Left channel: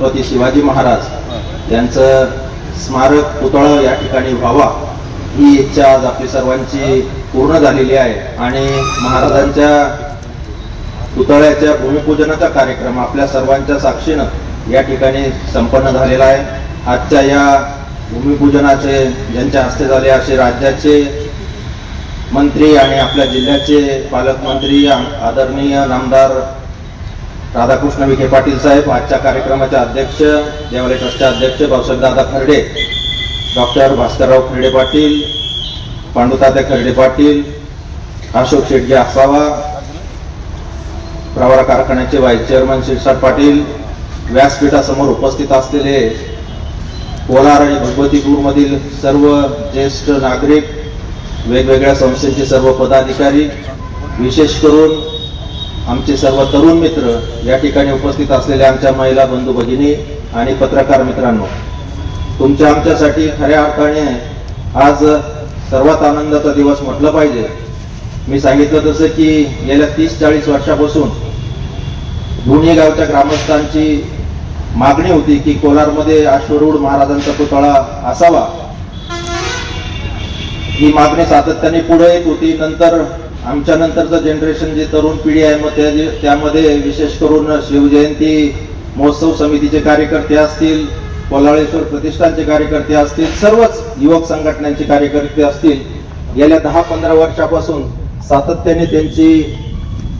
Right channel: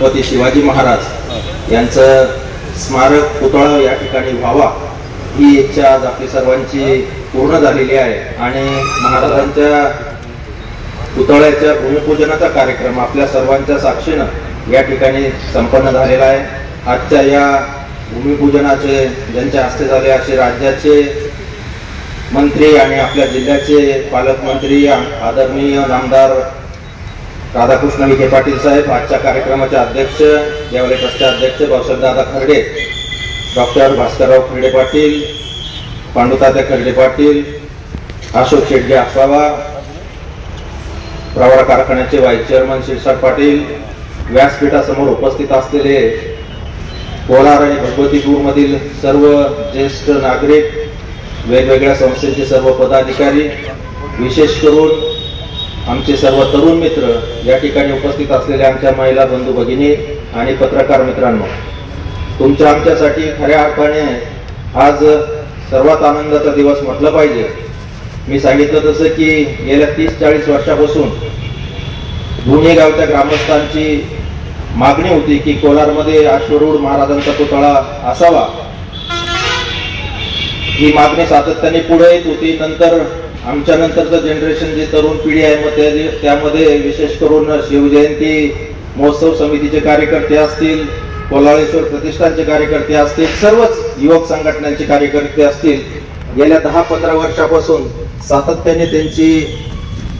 छत्रपती शिवाजी महाराज यांचं स्मारक पुतळा या ठिकाणी व्हावा ही इच्छा आज आपली सर्वांची पूर्ण झालेली आहे आणि महाराजांच्या पुतळ्याच्या भूमिपूजनाचा कार्यक्रम आपल्या सर्वांच्या साक्षीनं या ठिकाणी संपन्न झालेला आहे। आजच्या या भूमिपूजनाचे ज्यांच्या हस्ते झाले असे राज्याचे मंत्री आणि आपल्या जिल्ह्याचे पालकमंत्री आदरणीय नामदार राधाकृष्ण विखे पाटील साहेब, आजच्या कार्यक्रमाचे अध्यक्ष देवालय ट्रस्टचे अध्यक्ष भाऊसाहेबदादा खर्डे, डॉक्टर भास्करराव खर्डे पाटील, पांडुतात्या खर्डे पाटील, अशोक शेटजी आसावा, प्रवरा कारखान्याचे व्हाईस चेअरमन शिरसाट पाटील, व्यासपीठासमोर उपस्थित असलेले कोलार आणि भगवतीपूर मधील सर्व ज्येष्ठ नागरिक, वेगवेगळ्या संस्थेचे सर्व पदाधिकारी, विशेष करून आमचे सर्व तरुण मित्र, या ठिकाणी उपस्थित असलेल्या आमच्या महिला बंधू भगिनी आणि पत्रकार मित्रांनो, तुमच्या आमच्यासाठी खऱ्या अर्थाने आज सर्वात आनंदाचा दिवस म्हटलं पाहिजे। मी सांगितलं तसं की गेल्या 30-40 वर्षापासून दोन्ही गावच्या ग्रामस्थांची मागणी होती की कोलारमध्ये अश्वरूढ महाराजांचा पुतळा असावा। ही मागणी सातत्याने पुढे येत होती। नंतर आमच्या नंतरचं जनरेशन जे तरुण पिढी आहे मग त्यामध्ये विशेष करून शिवजयंती महोत्सव समितीचे कार्यकर्ते असतील, कोल्हाळेश्वर प्रतिष्ठानचे कार्यकर्ते असतील, सर्वच युवक संघटनांचे कार्यकर्ते असतील, गेल्या 10-15 वर्षापासून सातत्याने त्यांची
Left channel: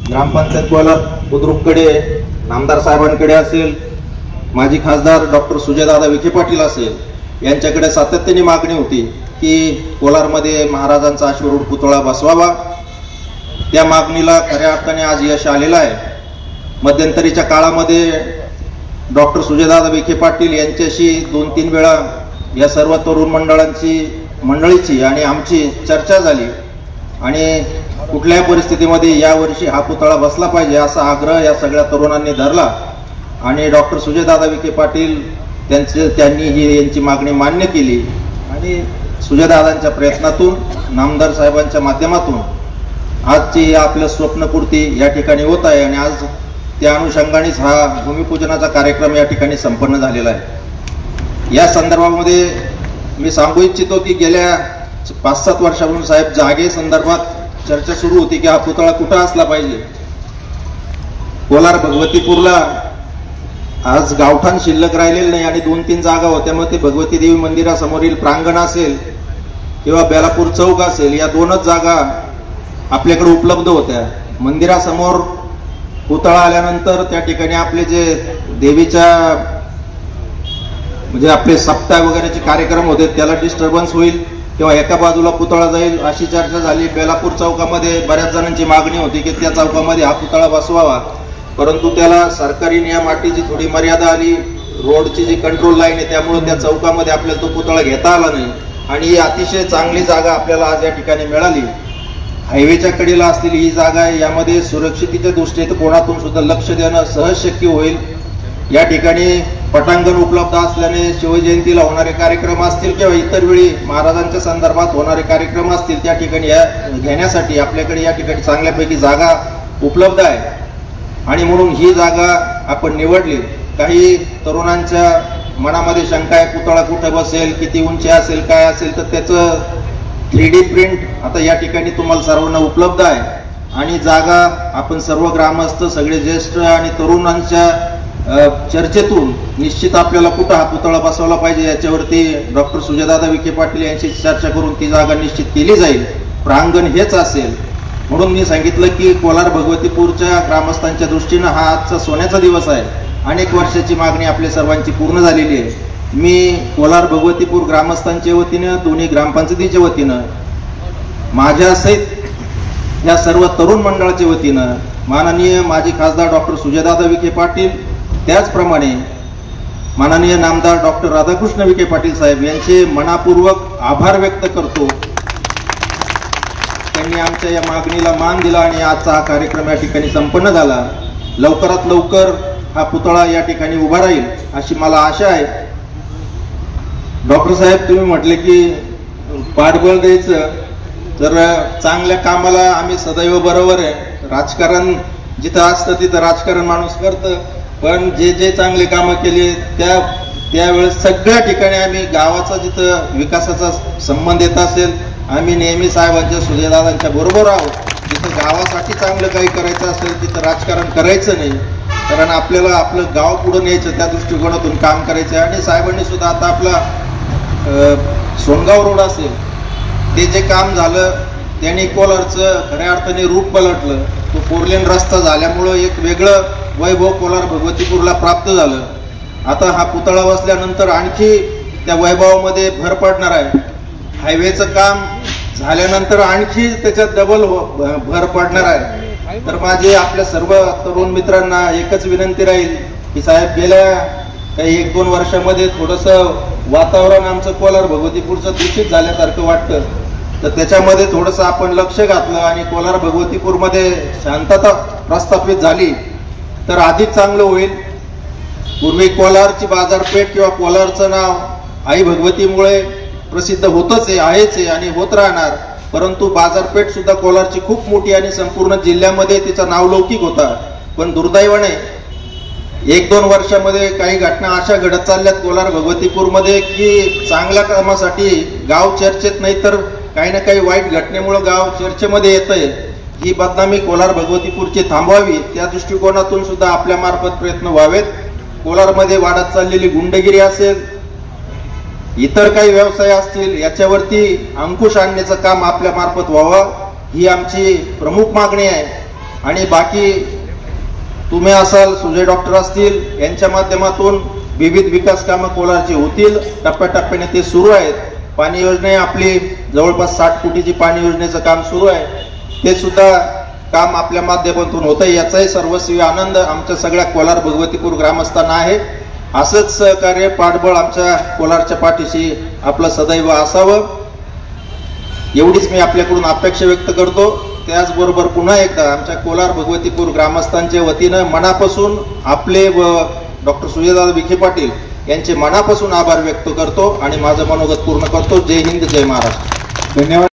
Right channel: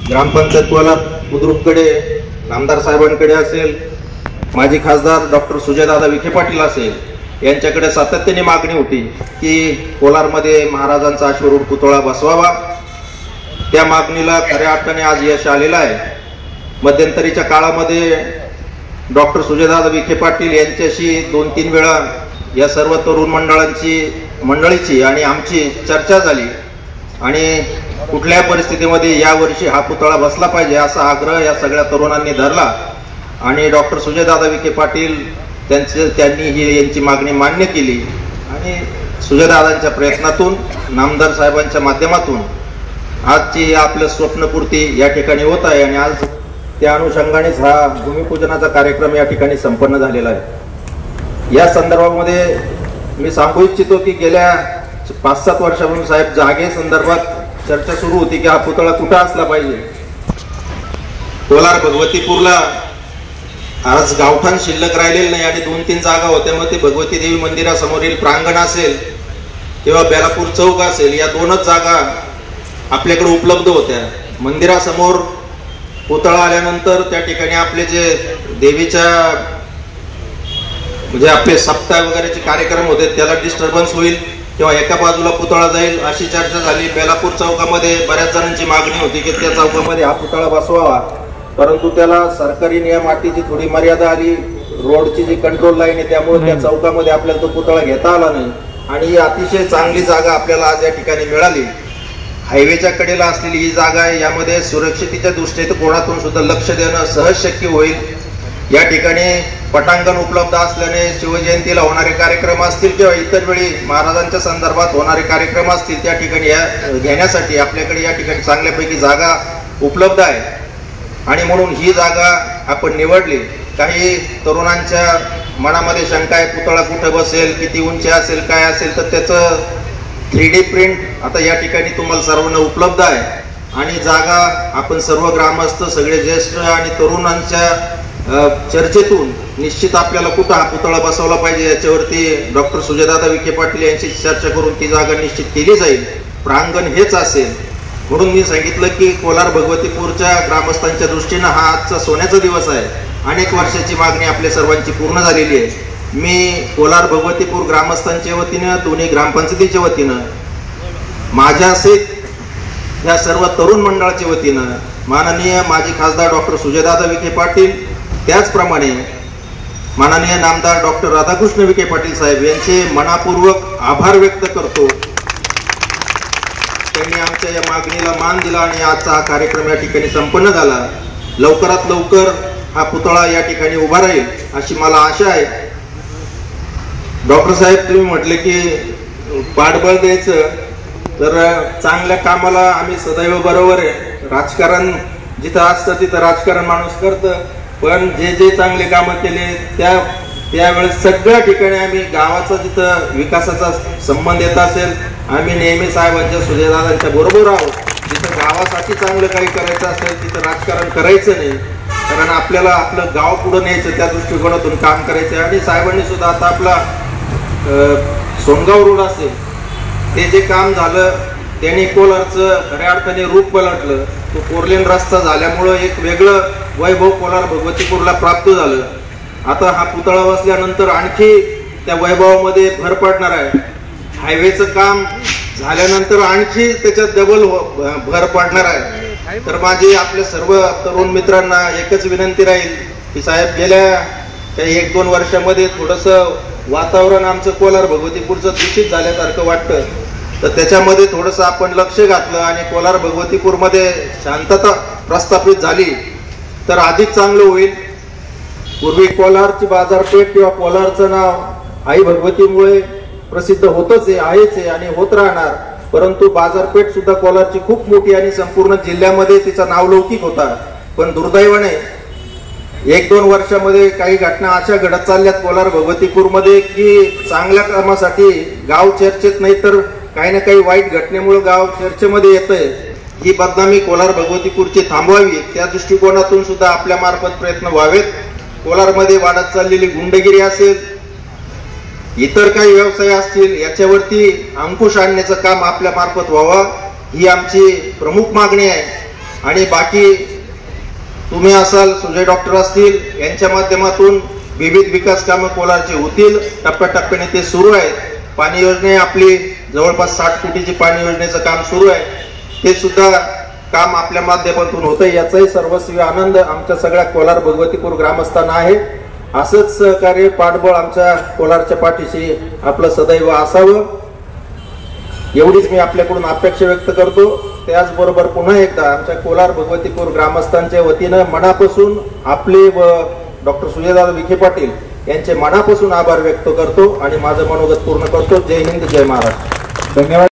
ग्रामपंचायत कोलार बुद्रुककडे नामदार साहेबांकडे असेल, माजी खासदार डॉक्टर सुजयदादा विखे पाटील असेल, यांच्याकडे सातत्याने मागणी होती की कोलारमध्ये महाराजांचा अश्वरूढ पुतळा बसवावा। त्या मागणीला खऱ्या अर्थाने आज यश आलेलं आहे। मध्यंतरीच्या काळामध्ये डॉक्टर सुजयदादा विखे पाटील यांच्याशी 2-3 वेळा या सर्व तरुण मंडळीची आणि आमची चर्चा झाली आणि कुठल्या परिस्थितीमध्ये यावर्षी हा पुतळा बसला पाहिजे असा आग्रह या सगळ्या तरुणांनी धरला आणि डॉक्टर सुजयदादा विखे पाटील त्यांनी ही यांची मागणी मान्य केली आणि सुजयदादांच्या प्रयत्नातून, नामदार साहेबांच्या माध्यमातून आजची आपलं स्वप्नपूर्ती या ठिकाणी होत आहे आणि आज त्या अनुषंगानेच हा भूमिपूजनाचा कार्यक्रम या ठिकाणी संपन्न झालेला आहे। या संदर्भामध्ये मी सांगू इच्छितो की गेल्या 5-7 वर्षापासून साहेब जागे संदर्भात चर्चा सुरू होती की हा पुतळा कुठं असला पाहिजे। कोलार भगवतीपूरला आज गावठाण शिल्लक राहिलेलं नाही आणि 2-3 जागा होत्या, मग ते भगवती देवी मंदिरासमोरील प्रांगण असेल किंवा बेलापूर चौक असेल, या 2च जागा आपल्याकडे उपलब्ध होत्या। मंदिरासमोर पुतळा आल्यानंतर त्या ठिकाणी आपले जे देवीच्या म्हणजे आपले सप्ताह वगैरेचे कार्यक्रम होते त्याला डिस्टर्बन्स होईल किंवा एका बाजूला पुतळा जाईल अशी चर्चा झाली। बेलापूर चौकामध्ये बऱ्याच जणांची मागणी होती की त्या चौकामध्ये हा पुतळा बसवावा, परंतु त्याला सरकारी नियम अटीची थोडी मर्यादा आली, रोडची जी कंट्रोल लाईन आहे त्यामुळे त्या चौकामध्ये आपल्याला तो पुतळा घेता आला नाही आणि ही अतिशय चांगली जागा आपल्याला आज या ठिकाणी मिळाली। हायवेच्या कडेला असलेली ही जागा आहे, यामध्ये सुरक्षितेच्या दृष्टीने कोणातून सुद्धा लक्ष देणं सहज शक्य होईल। या ठिकाणी पटांगण उपलब्ध असल्याने शिवजयंतीला होणारे कार्यक्रम असतील किंवा इतर वेळी महाराजांच्या संदर्भात होणारे कार्यक्रम असतील त्या ठिकाणी घेण्यासाठी आपल्याकडे या ठिकाणी चांगल्यापैकी जागा उपलब्ध आहे आणि म्हणून ही जागा आपण निवडली। काही तरुणांच्या मनामध्ये शंका आहे पुतळा कुठं बसेल, किती उंची असेल, काय असेल, तर त्याचं 3D प्रिंट आता या ठिकाणी तुम्हाला सर्वांना उपलब्ध आहे आणि जागा आपण सर्व ग्रामस्थ, सगळे ज्येष्ठ आणि तरुणांच्या चर्चेतून निश्चित आपल्याला कुठं हा पुतळा बसवला पाहिजे याच्यावरती डॉक्टर सुजयदादा विखे पाटील यांची चर्चा करून ती जागा निश्चित केली जाईल। प्रांगण हेच असेल म्हणून मी सांगितलं की कोलार भगवतीपूरच्या ग्रामस्थांच्या दृष्टीनं हा आजचा सोन्याचा दिवस आहे। अनेक वर्षाची मागणी आपल्या सर्वांची पूर्ण झालेली आहे। मी कोलार भगवतीपूर ग्रामस्थांच्या वतीनं, दोन्ही ग्रामपंचायतीच्या वतीनं, माझ्यासहित या सर्व तरुण मंडळाच्या वतीनं माननीय माजी खासदार डॉक्टर सुजयदादा विखे पाटील, त्याचप्रमाणे माननीय नामदार डॉक्टर राधाकृष्ण विखे पाटील साहेब यांचे मनापूर्वक आभार व्यक्त करतो। त्यांनी आमच्या या मागणीला मान दिला आणि आजचा हा कार्यक्रम या ठिकाणी संपन्न झाला। लवकरात लवकर हा पुतळा या ठिकाणी उभा राहील अशी मला आशा आहे। डॉक्टर साहेब, तुम्ही म्हटले की पाठबळ द्यायचं, तर चांगल्या कामाला आम्ही सदैव बरोबर आहे। राजकारण जिथं असतं तिथं राजकारण माणूस करतं पण जे जे चांगले कामं केले त्यावेळेस सगळ्या ठिकाणी आम्ही गावाचा जिथं विकासाचा संबंध येत असेल आम्ही नेहमी साहेबांच्या सुजयदादांच्या बरोबर आहोत. जिथं गावासाठी चांगलं काही करायचं असेल तिथं राजकारण करायचं नाही, कारण आपल्याला आपलं गाव पुढे न्यायचं त्या दृष्टिकोनातून काम करायचं आहे. आणि साहेबांनी सुद्धा आता आपला सोनगाव रोड असेल ते जे काम झालं त्यांनी कोलारचं खऱ्या अर्थाने रूप पलटलं. तो 4 लेन रस्ता झाल्यामुळं एक वेगळं वैभव कोलार भगवतीपूरला प्राप्त झालं. आता हा पुतळा बसल्यानंतर आणखी त्या वैभवामध्ये भर पडणार आहे. हायवेचं काम झाल्यानंतर आणखी त्याच्यात डबल भर पडणार आहे. तर माझी आपल्या सर्व तरुण मित्रांना एकच विनंती राहील की साहेब गेल्या काही 1-2 वर्षामध्ये थोडंसं वातावरण आमचं कोलार भगवतीपूरचं दूषित झाल्यासारखं वाटतं, तर त्याच्यामध्ये थोडंसं आपण लक्ष घातलं आणि कोलार भगवतीपूरमध्ये शांतता प्रस्थापित झाली तर अधिक चांगलं होईल. पूर्वी कोलारची बाजारपेठ किंवा कोलारचं नाव आई भगवतीमुळे प्रसिद्ध होतच आहेच आणि होत राहणार, परंतु बाजारपेठ सुद्धा कोलारची खूप मोठी आणि संपूर्ण जिल्ह्यामध्ये तिचा नावलौकिक होता. पण दुर्दैवाने 1-2 वर्षामध्ये काही घटना अशा घडत चालल्यात कोलार भगवतीपूरमध्ये की चांगल्या कामासाठी गाव चर्चेत नाही तर काही ना काही वाईट घटनेमुळे गाव चर्चेमध्ये येतंय. ही बदनामी कोलार भगवतीपूरची थांबवावी त्या दृष्टिकोनातून सुद्धा आपल्या मार्फत प्रयत्न व्हावेत. कोलारमध्ये वाढत चाललेली गुंडगिरी असेल, इतर काही व्यवसाय असतील, याच्यावरती अंकुश आणण्याचं काम आपल्या मार्फत व्हावं ही आमची प्रमुख मागणी आहे. आणि बाकी तुम्ही असाल, सुजय डॉक्टर असतील, यांच्या माध्यमातून विविध विकास कामं कोलारची होतील. टप्प्याटप्प्याने ते सुरू आहेत. पाणी योजना आपली जवळपास 60 कोटीची पाणी योजनेचं काम सुरू आहे. ते सुद्धा काम आपल्या माध्यमातून होतंय, याचाही सर्वस्वी आनंद आमच्या सगळ्या कोलार भगवतीपूर ग्रामस्थांना आहे. असंच सहकार्य पाठबळ आमच्या कोलारच्या पाठीशी आपलं सदैव असावं एवढीच मी आपल्याकडून अपेक्षा व्यक्त करतो. त्याचबरोबर पुन्हा एकदा आमच्या कोलार भगवतीपूर ग्रामस्थांच्या वतीनं मनापासून आपले व डॉक्टर सुजयदादा विखे पाटील यांचे मनापासून आभार व्यक्त करतो आणि माझं मनोगत पूर्ण करतो. जय हिंद, जय महाराष्ट्र. धन्यवाद.